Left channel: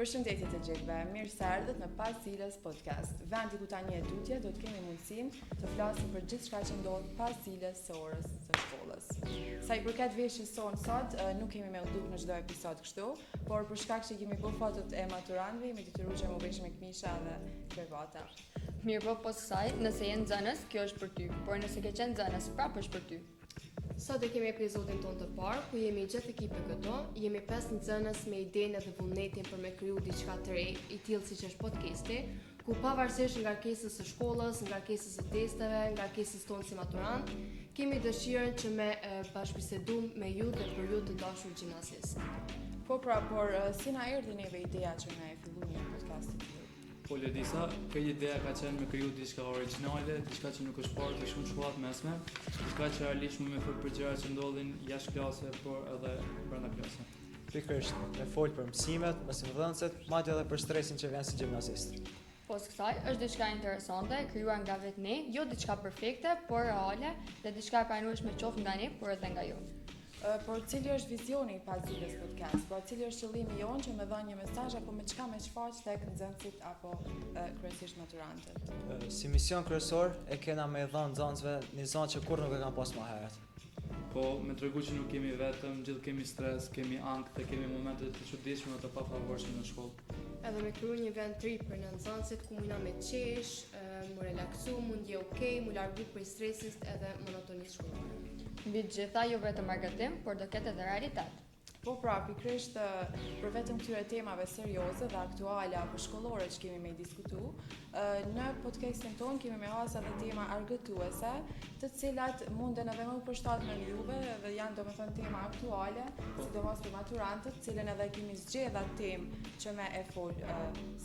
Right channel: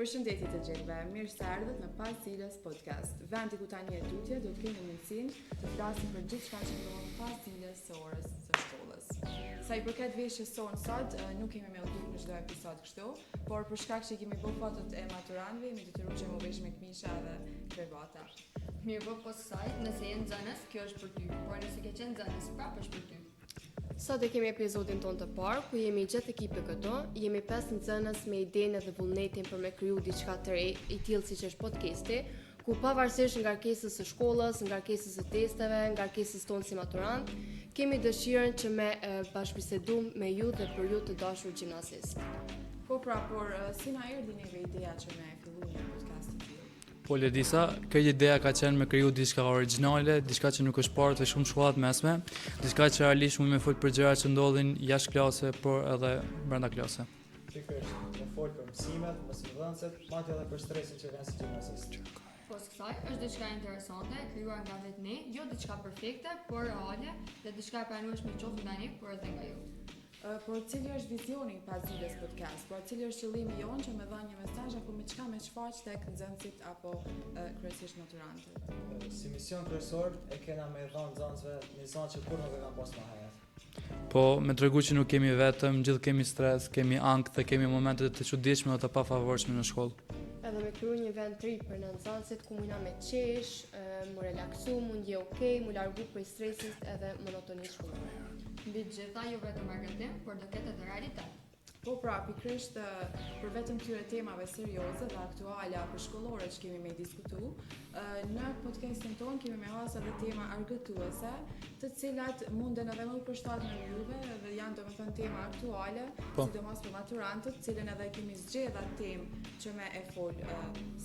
Përshëndetje të gjithëve, mirë se erdhët në Pas Cilës podcast. Vendi ku tani e tutje do të kemi mundësinë të flasim për gjithçka që ndodh pas cilës së orës së shkollës. Sa i përket veshjes sonë sot, nuk kemi me udhëtu në çdo episod kështu, por për shkak që kemi bërë fotot e maturantëve, me detyruar që më vesh me këmisha dhe kravata. Mirë po pas kësaj, nëse je nxënës, kjo është për ty, por nëse ke qenë nxënës, prapë është për ty. Sot e kemi episodin tonë të parë, ku jemi gjithë ekipe këto, jemi 5 nxënës me idenë dhe vullnetin për me kriju diçka të re, i tillë siç është podcasti, ku pavarësisht ngarkesës së shkollës, ngarkesës së testeve, ngarkesës tonë si maturant, kemi dëshirën që me bashkëbisedum me ju dhe për ju të dashur gjimnazist. Por si na erdhi neve ideja që ne fillojmë një podcast të tillë? Po Ledisa, kjo ideja ka qenë me kriju diçka origjinale, diçka që nuk është parë të shumë shkollat mesme, diçka që realisht mund me fol për gjëra që ndodhin jashtë klase, por edhe brenda klase. Pikërisht, me fol për mësimet, mësimdhënësit, madje edhe për stresin që vjen si gjimnazist. Pas kësaj është diçka interesante, krijuar nga vetë ne, jo diçka perfekte, por reale, dhe diçka e pranueshme qoftë nga ne, por edhe nga ju. Por cili është vizioni pas cilës podcast? Por cili është qëllimi jonë që me dha një mesazh apo me çka me shfaq tek nxënësit apo kryesisht maturantët? Si mision kryesor e kena me dhënë nxënësve një zonë që kur nuk e kanë pas më herët. Po, me tregu që nuk kemi vetëm, gjithë kemi stres, kemi ankth dhe kemi momente të çuditshme dhe të pafavorshme në shkollë. Edhe me kriju një vend të ri për në nxënësit ku mundna me qesh, mu relaksu, mund je okej, mu largu prej stresit edhe monotonisë shkollore. Mbi të gjitha jo vetëm marketing, por do ketë edhe realitet. Po pikërisht për vetëm këtyre temave serioze dhe aktuale apo shkollore që kemi me diskutu, në podcastin tonë kemi me hasë edhe tema argëtuese, të cilat munden edhe më përshtatet në juve dhe janë domethënë tema aktuale, sidomos për maturantët, cilën edhe kemi zgjedhur atë temë që me e fol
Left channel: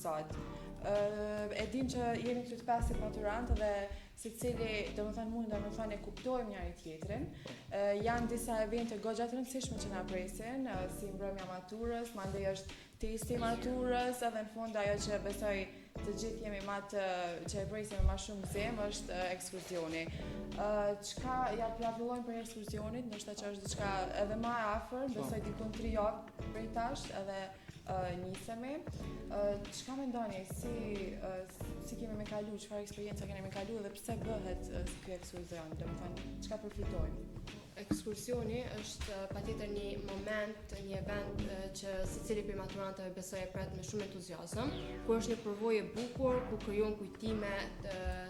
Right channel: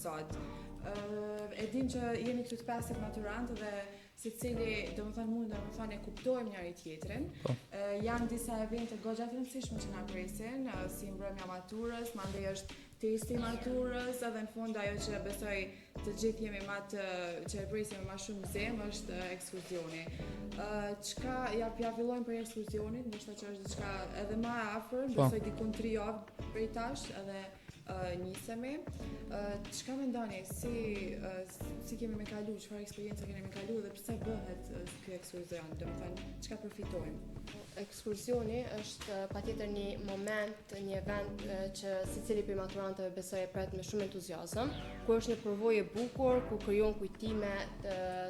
sot. E din që jemi këtu të pesë maturantë dhe secili domethënë mund të thonë e kuptojmë njëri tjetrin. Janë disa evente goxha të rëndësishme që na presin, si mbrëmja maturës, mandej është testi maturës, edhe në fund ajo që besoj të gjithë jemi që e presim më shumë zemë është ekskursioni. Çka ja fillojmë për ekskursionin, ndoshta që është diçka edhe më e afër, besoj diku 3 javë prej tash, edhe nisemi. Çka mendoni si kemi me kalu, çfarë eksperiencë kemi me kalu dhe pse bëhet ky ekskursion, domethënë çka përfitojmë? Ekskursioni është patjetër një moment, një event që secili prej maturantëve besoj e pret me shumë entuziazëm, ku është një përvojë e bukur, ku krijon kujtime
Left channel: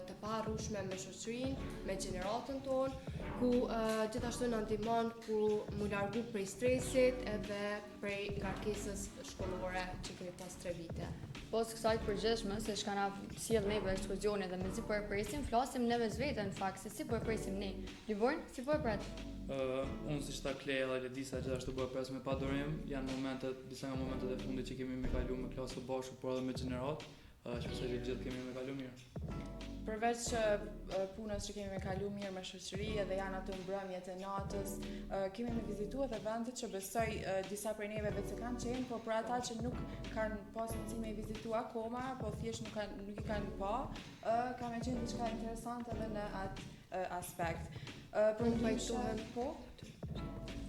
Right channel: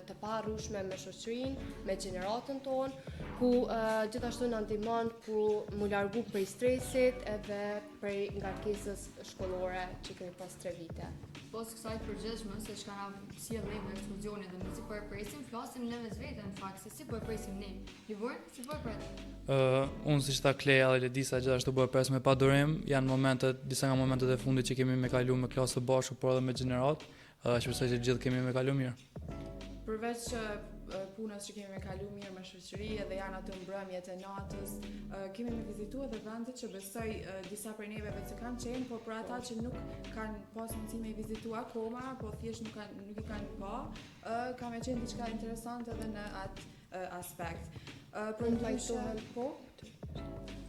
të paharrueshme me shoqërinë, me gjeneratën tonë, ku gjithashtu na ndihmon ku mu largu prej stresit edhe prej ngarkesës shkollore që kemi pas 3 vite. Pas kësaj të përgjithshme se çka na sjell neve ekskursionin dhe me si po e presim, flasim ne mes vete në fakt se si po e presim ne. Livorn, si po e pret? Unë si qëta Kleja dhe Ledisa gjithashtu po e pres me padurim, janë disa nga momentet e fundit që kemi me kalu me klasë të bashku, por edhe me gjenerat, që besoj që gjithë kemi me kalu mirë. Përveç punës që kemi me kalu mirë me shoqëri edhe janë ato mbrëmjet e natës, kemi me vizitu edhe vendet që besoj disa prej neve vetë se kanë qenë, por për ata që nuk kanë pas mundësi me vizitu akoma, po thjesht nuk i kanë pa, ka me qenë diçka interesante edhe në atë aspekt.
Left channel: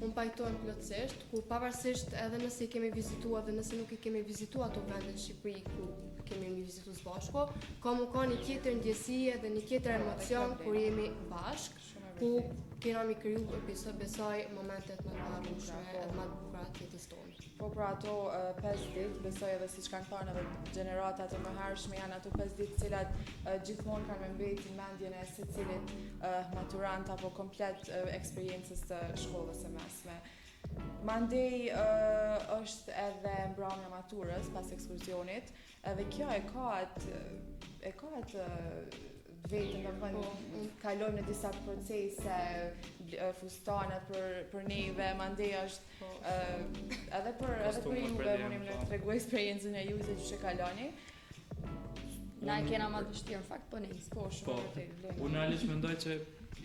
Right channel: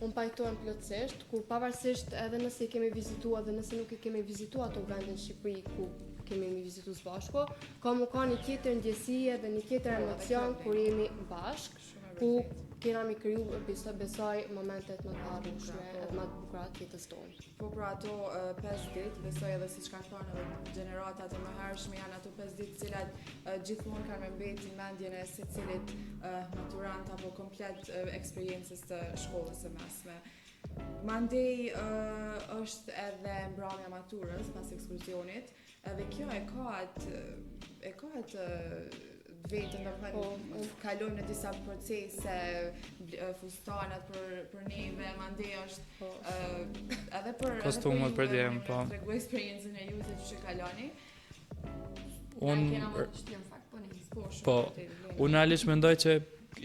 Unë pajtohem plotësisht, ku pavarësisht edhe nëse i kemi vizituar dhe nëse nuk i kemi vizituar ato vende në Shqipëri ku kemi vizituar së bashku, ka një tjetër ndjesie dhe një tjetër emocion kur jemi bashkë, ku kena mi kriju besoj momentet më të paharrueshme edhe më të bukura të jetës tonë. Po pra ato 5 ditë, besoj edhe siç kanë thënë edhe gjeneratat e mëhershme janë ato 5 ditë të cilat gjithmonë kanë me mbeti mendjen e secilit maturant apo komplet eksperiencës të shkollës së mesme. Mandej është edhe mbrëmja maturës pas ekskursionit, edhe kjo e ka atë vetëm domethënë kalojmë në disa procese, fustanat për neve, mandej është edhe për kostumet për djem, po. Tregoj eksperiencën e juve se ç'e kaloni. Na kena më të vështirë fakt po ne. Po, unë realisht mendoj që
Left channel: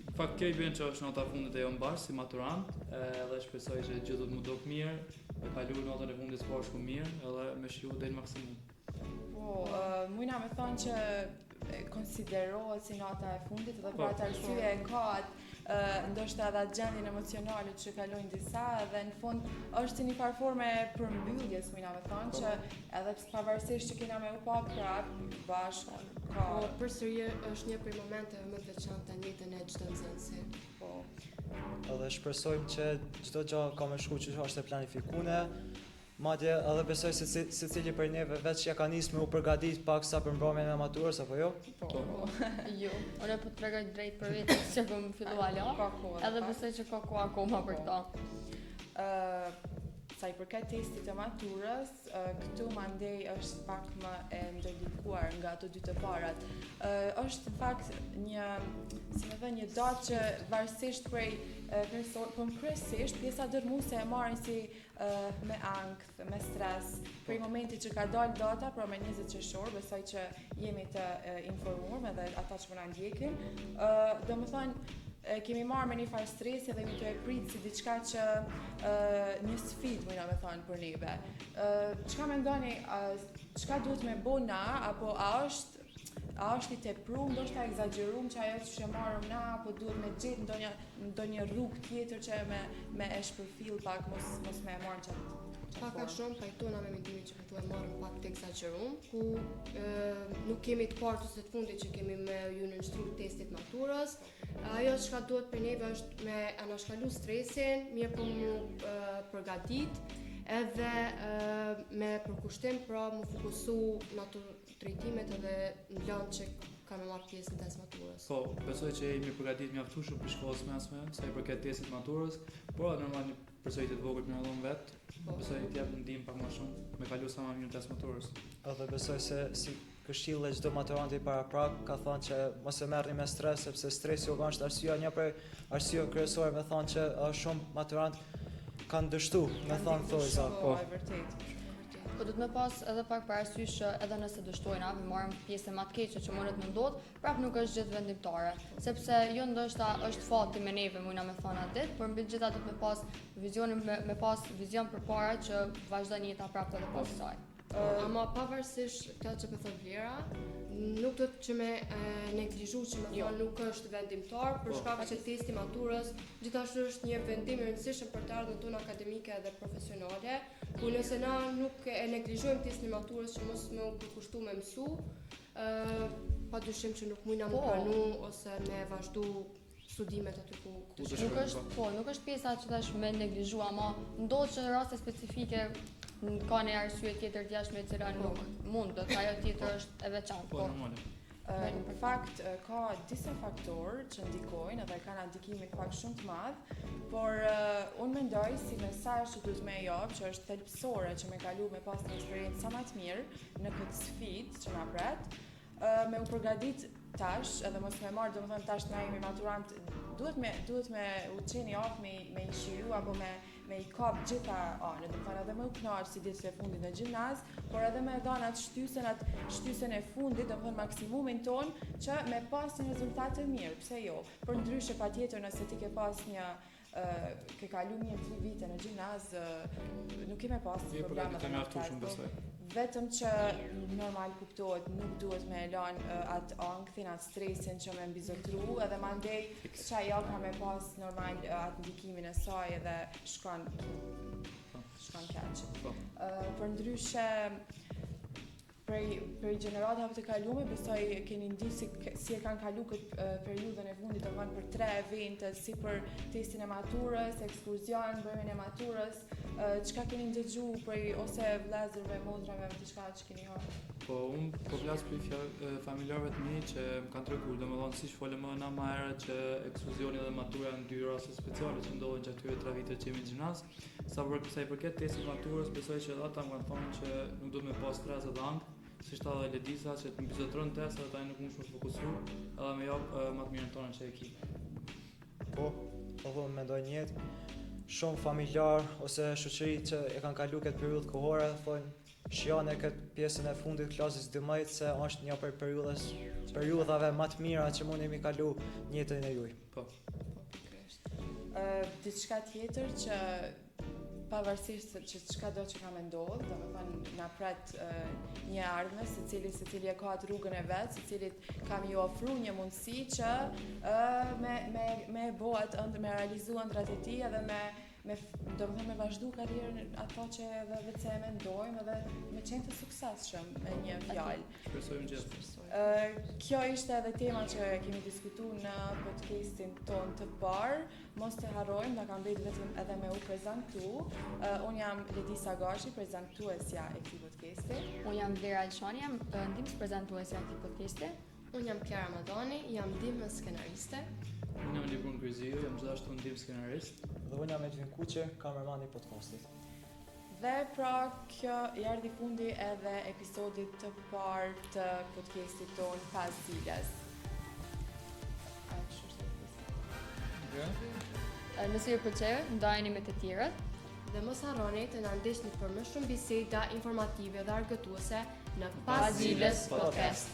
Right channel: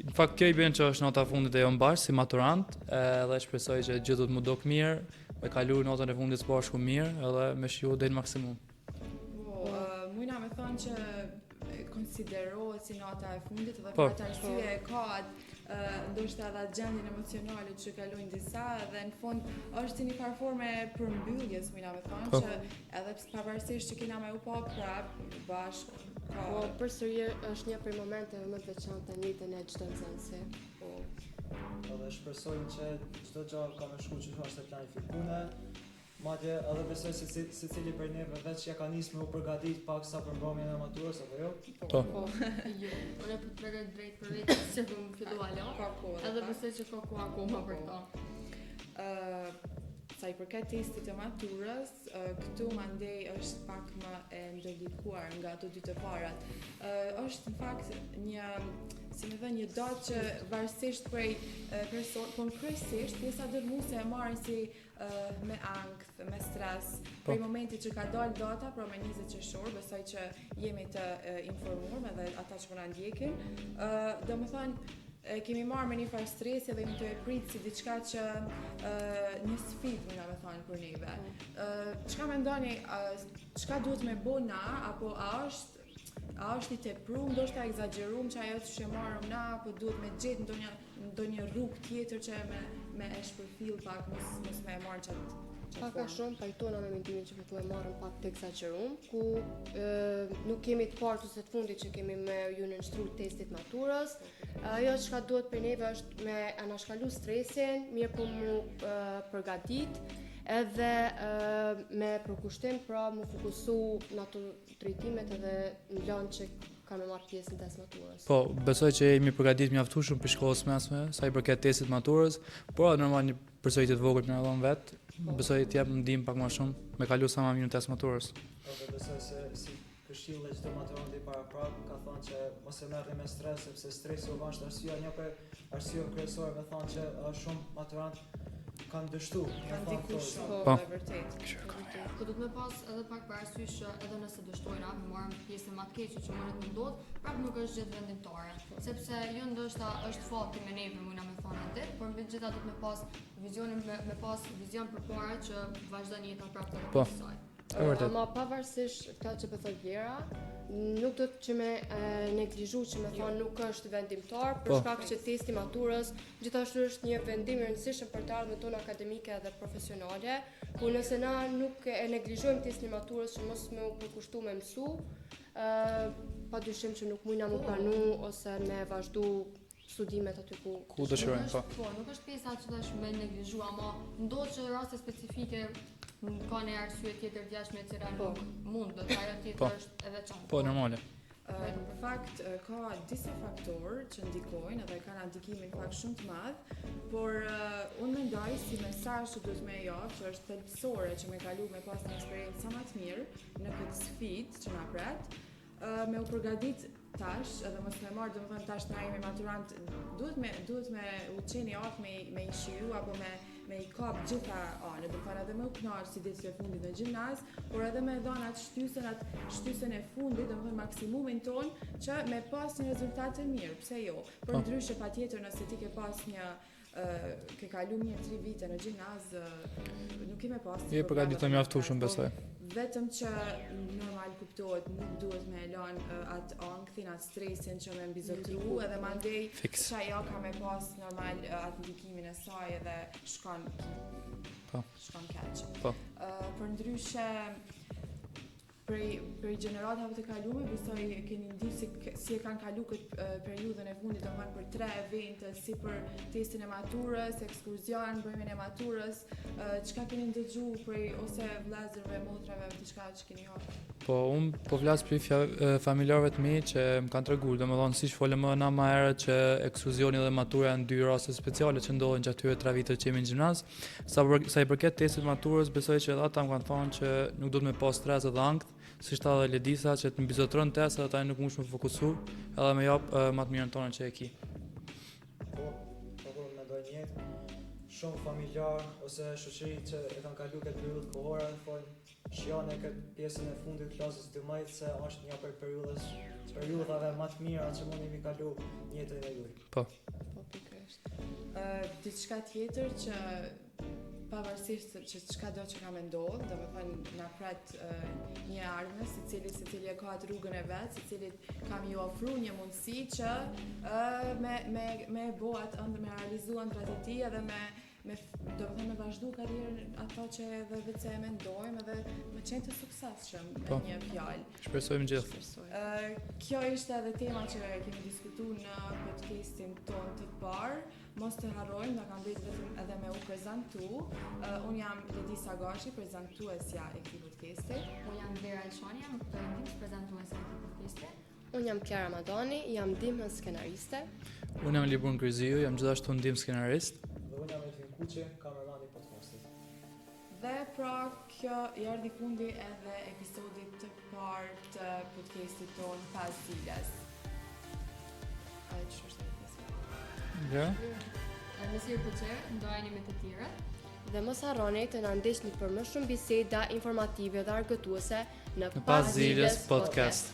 në fakt kjo i bën që është nota e fundit e jo mbash si maturant, edhe shpresoj që gjithë do të më dok mirë, me kalu notën e fundit së bashku mirë, edhe me shiu deri në maksimum. Po, mujna me thonë që konsiderohet si nota e fundit dhe për atë arsye e ka ndoshta edhe gjendjen emocionale që kalojnë disa dhe në fund është një farë forme përmbylljes, mujna me thonë, që edhe edhe pavarësisht që kena me u pa prap, bashkë, ka... Po përsëri është një prej momenteve më të veçanta në jetën e çdo nxënësi. Po, Edhe shpresojmë që çdo gjë ka me shku që është e planifikuar. Madje edhe besoj se secili prej neve veç ja ka nisë me u përgatit paksa për mbrëmjen e maturës apo jo? Po. Jo, unë po të tregoj drejt për vetë se po më fillua la. ka kohë. Edhe besoj që ka kohë akoma për këto. Sa i përket testit të maturës, këtu mandej është pak më e ndërlikuar nga ato dy të parat. Është në fakt një, si me thënë, një datë që varësisht prej kryesisht pjesa dërmuese e marrin si me ankth, me stres, prej momenti që ka dalë data, pra me 20 qershor, besoj që jemi të informuar edhe ata që po na ndjekin. Domethënë kemi marrë me një farë stresi dhe mi të e pritë si diçka që një sfidë, mëna me thonë, për neve. Çka mendoni, çka duhet me bo na, apo a është i tepruar, ndoshta egzageruar që ajo që marrëm na, apo duhet me gjetë ndonjë rrugë tjetër që me e shpërfill pak, mos me e marrë qatë. Pak a shumë pajtona me mendimin që po e marrëm pak të egzageruar, ku nuk kemi të partë ose të fundit që kemi me ju nënshtruar testit maturës. Ajo çka duhet për neve është me anashkalu stresin, mirë për mu përgatit, edhe me përkushtim, pra mu fokusu në ato drejtimet edhe në lanë që ka me marrë pjesë në test maturës. Po, besoj që jemi përgatit mjaftueshëm për shkollës mesme, sa i përket testit maturës, por normal një përsëritje të vogël më dhon vet. Besoj të jap ndihmë pak më shumë me kalu sa më mirë në test maturës. Edhe besoj se si këshill e çdo maturanti para prap ka thënë që mos e merrni me stres sepse stresi u është arsyeja një prej arsyeve kryesore me thënë që shumë maturant kanë dështu, me thënë thojza. Po, e vërtet. Po do të më pas edhe pak për arsysh që edhe nëse dështojna, me marrim pjesën më të keqe që mundet më ndodh, prap nuk është gjithë vendimtare, sepse jo ndoshta është fati me neve, mundna me thonë atë, por mbi gjitha do të më pas me pas vizion përpara që vazhdon jeta prapë edhe pas saj. Ma pavarësisht kjo që po thot Vlera, nuk do të që me neglizhu që me thonë nuk është vendimtar, për shkak që testi maturës gjithashtu është një vendim i rëndësishëm për të ardhmen tonë akademike dhe profesionale, ku nëse na nuk e neglizhojmë testin maturës që mos me u përkushtu me mësu, padyshim që nuk mujna më pranu ose me vazhdu studimet aty ku dëshirojmë. Po, nuk është pjesa që tash me neglizhu, ama ndodh që në raste specifike ka një arsye tjetër jashtë me cilën nuk mund, dhe ajo tjetër është e veçantë. Po, normale. Në fakt, ka disa faktorë që ndikojnë edhe kanë ndikimin fakt shumë të madh, por unë mendoj si mesazh që duhet me jap, që është thelbësore që me kalu me pas një eksperiencë sa më të mirë në këtë sfidë që na pret, me u përgatit tash, edhe mos me marrë, domethënë tash na jemi maturant, duhet me u qeni aftë me i shiu apo me i kap gjitha anë, do të edhe më u kënaqë si ditët e fundit në gjimnaz, por edhe me dhënë atë shtysën e fundit, domethënë maksimumin ton që me pas një rezultat të mirë, pse jo? Por ndryshe patjetër nëse ti ke pas ke kalu 1-3 vite në gjimnaz, nuk ke me pas. Je përgatitur mjaftueshëm besoj. Vetëm që normal kuptohet, nuk duhet me elan atë ankthin, atë stresin që me mbizotru, edhe mandej që ajo ka me pas normal atë ndikimin e saj edhe shkon keq. Për ndryshe, prej gjeneratave të kalume, besoj keni ndi si e kanë kalu këtë periudhën e fundit, domethënë për 3 evente, si për testin e maturës, ekskursion, bërmin e maturës, çka keni ndëgju prej ose vëllezërve, motrave, diçka që keni hapur? Po, unë po flas për familjarëve të mi që më kanë treguar, domethënë siç folëm më më herët që ekskursioni dhe matura janë 2 raste speciale që ndodhen gjatë këtyre 3 viteve që jemi në gjimnaz. Sa i përket testit maturës, besoj që ata më kanë thënë që nuk duhet me pas stres edhe ankth, si shta dhe Ledisa që të mbizotron test edhe ta nuk mund shumë fokusu edhe me jap më të mirën tonë që e ki. Po dhe mendoj njëtë, shumë familjar ose shoqëri që e kanë kalu këtë periudhë kohore, thonë shijone këtë pjesën e fundit klasës 12 se është një për periudhave më të mira që mundemi kalu në jetën e juaj. Po. Diçka tjetër që pavarësisht që çka do që ka me ndodhë, domethënë na pret një ardhmë, secili e ka atë rrugën e vet, secili ka më ofru një mundësi që me bo atë ëndër, me realizu ëndrat e tij edhe do të me vazhdu karrierë ata që edhe vetë e mendojmë edhe me qenë të suksesshëm Po. në një fjalë. Shpresojmë gjithë. Kjo ishte edhe tema që kemi diskutuar në podcastin ton të parë. Mos të harrojmë, na kanë bërë vetëm edhe me u prezantu. Unë jam Edisa Gashi, prezantuesja e këtij podcasti. Unë jam Vlera Elshani, jam ndihmës prezantuese e këtij podcasti. Unë jam Kiara Madani, jam ndihmës skenariste. Unë jam Libur Ngryziu, jam gjithashtu ndihmë skenarist. Dhe unë jam Edvin Kuqe, kamermani i podcastit. Dhe pra kjo erdhi fundi edhe episodit të parë të podcastit ton 5 diles. Ja? Nëse ju pëlqeu, ndajeni me të tjerët. Dhe mos harroni të na ndihni për më shumë biseda informative dhe argëtuese në 5 Diles Podcast.